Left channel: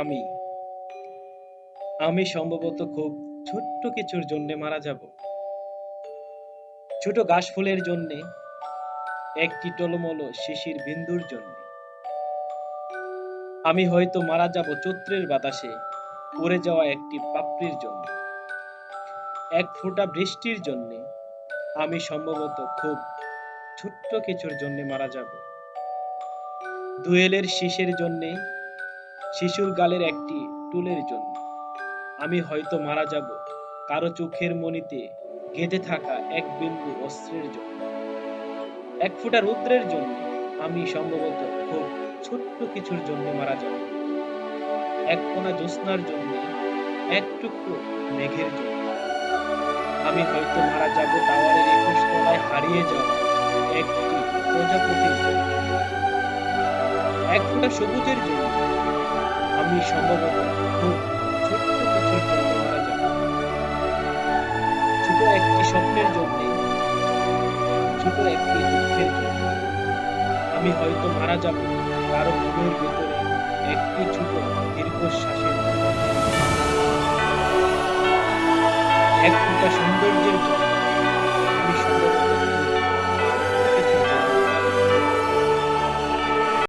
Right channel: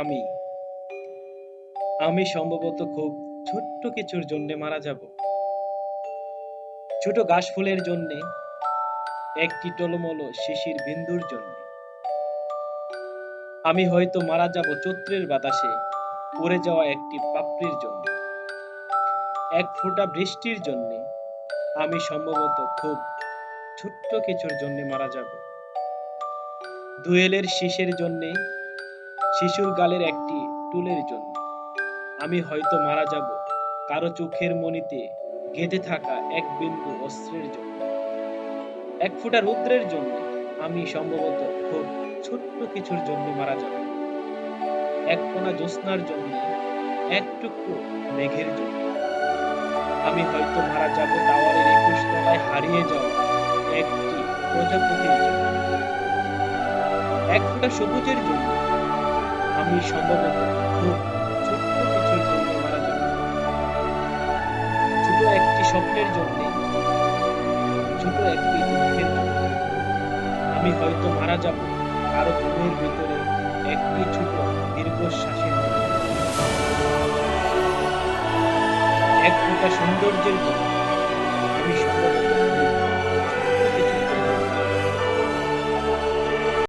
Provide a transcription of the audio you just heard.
আমি আমি সম্ভবত খুব ছোট্ট কিছুর জন্য মারা যাব। ছোট ঘাস ফুলের জন্যে, একটি টলমলো শিশির বিন্দুর জন্যে। আমি হয়তো মারা যাব চৈত্রের বাতাসে উড়ে যাওয়া একটি পাপড়ির জন্য। এক ফোঁটা বৃষ্টির জন্যে আমি সম্ভবত খুব ছোট্ট কিছুর জন্য মারা যাব। দোয়েলের শীষের জন্যে, শিশুর গালের একটি টুলের জন্য। আমি হয়তো মারা যাব কারো চোখের মণিতে গেঁথে থাকা এক বিন্দু অস্ত্রের জন্য। এক ফোঁটা রৌদ্রের জন্য আমি সম্ভবত খুব ছোট্ট কিছুর জন্য মারা যাব। এক কোনা জ্যোৎস্নার জন্য, এক টুকরো মেঘের জন্য। আমি হয়তো মারা যাব টাওয়ারের ২১ তলায় হারিয়ে যাওয়া একটি প্রজাপতির জন্য। এক ফোঁটা সবুজের জন্য আমি সম্ভবত খুব ছোট্ট কিছুর জন্য মারা যাব। ছোট একটি স্বপ্নের জন্য, ছোট একটি দুঃখের জন্য। আমি হয়তো মারা যাব কারো ঘুমের ভেতরে একটি ছোট দীর্ঘশ্বাসের জন্য। এক ফোঁটা সৌন্দর্যের জন্য আমি সম্ভবত